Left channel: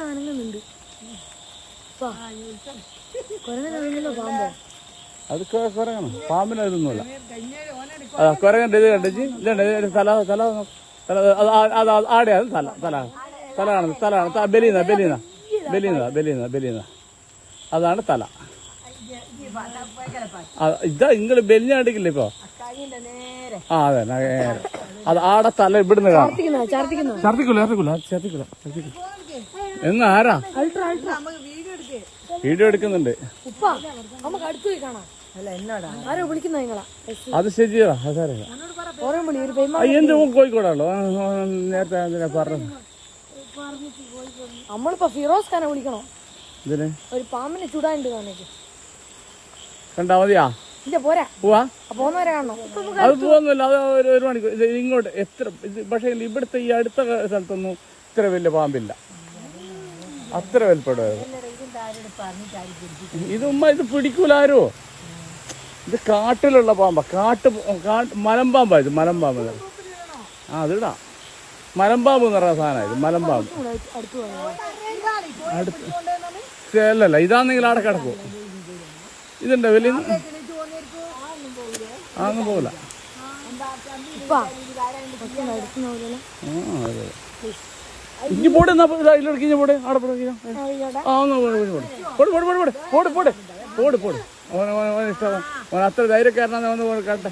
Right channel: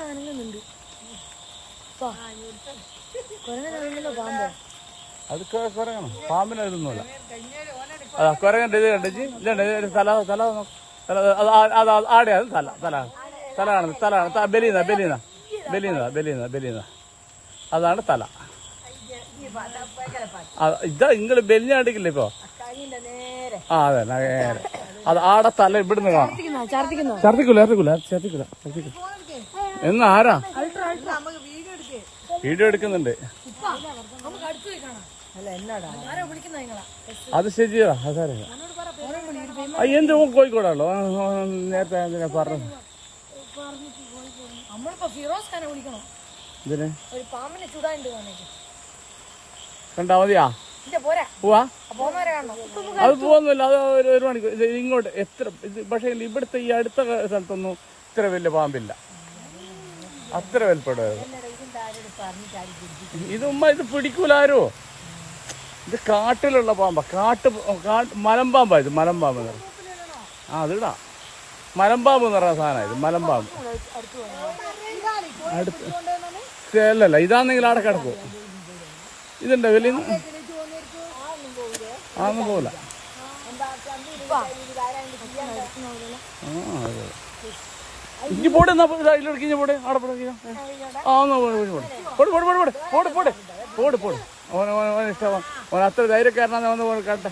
ഞാൻ വന്നിട്ട് തല തല തല അതാണ് തല ഇതാ നിങ്ങൾ ബെല്ലാണ്ടിക്കില്ല ഇപ്പൊ? ആ അതെ അത് ആടെ തല ഇവിടുന്ന് കാണാം. എന്ന് ആരാ? വീഡിയോ എടുക്കുന്നുണ്ട്. അത് ശരിയാ കോഴിക്കോടാണല്ലോ? നേരത്തെ അതിനെ പറഞ്ഞു നമ്മളിപ്പോ ഫിറോസ് ഖാനെ വിളിക്കണോ ഒരു പാമ്പിനെ ചുടാണ്ട് കാണിക്കും കണ്ടാ മതിയാ പോവാ? അത് പോകുന്നില്ല അത് ഒരു ഒരു മണിക്കൂർ. ഇത് ഇങ്ങോട്ട് എത്ര ഇത് പക്ഷേ ഇവിടുത്തെ ഈ അടുത്ത സ്ഥലത്തൊന്നും ഇത്ര വലിയ പാമ്പില്ല. അത്ര വലിപ്പടും ഇത് ഉമ്മ ഇത് പിടിക്കൂലാരോ ഇത് കാട്ടിലുള്ള പാമ്പാ. കാട്ട് മലമ്പാമ്പാ ഇത് മലമ്പാമ്പ് ആ അതിടാ. മലമ്പാമ്പ് എന്ന് പറയുന്ന സാധനം ഇത് മലമ്പാമ്പ് അടുത്ത് അല്ലല്ല ഇതാണെങ്കിൽ അവിടെ കിടക്കും. ഇതുണ്ടോ വലിയ അതൊന്നും പോകില്ല ഇനി പോടെ എന്നാ ഇനി പോടെ. അവിടെ പോടെ പോട് പോട് പോടെ. ഇഷ്ടമാണ് ഓൻ അത്ര ധൈര്യക്കാരനാന്ന് വന്ന് പോകട്ടെ